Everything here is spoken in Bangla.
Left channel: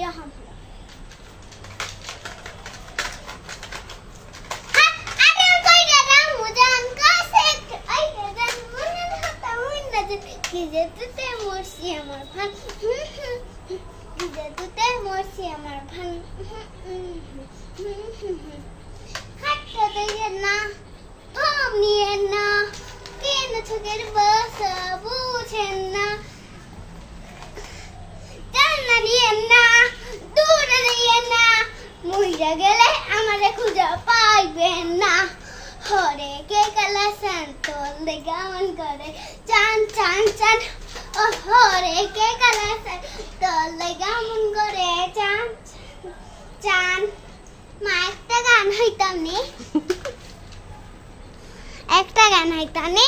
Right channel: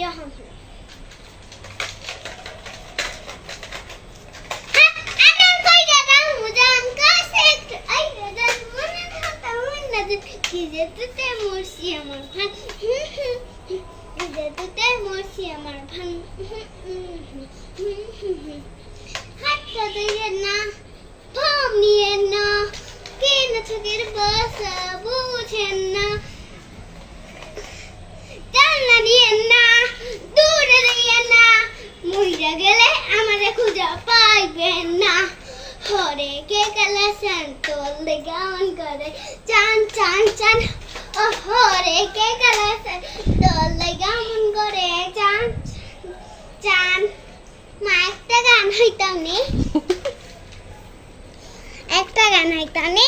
এরকম কি যেতে মরছি আমার ভান যেতে মরছি আমার ভান হাতটা দিয়ে না ভাব নিয়ে না কেন চোখের বাসা বুঝেন না জানা দিয়ে না দূরে দিয়ে না মইরা গেলে আমারে খুঁজে পাইবেন না হরে কে কালা সন্তোল গান করে চান চান চান ও হরে কে কালা সন্তোল গান করে চান চান মা একটা গান হইতাম নি একটা গান হইতাম নি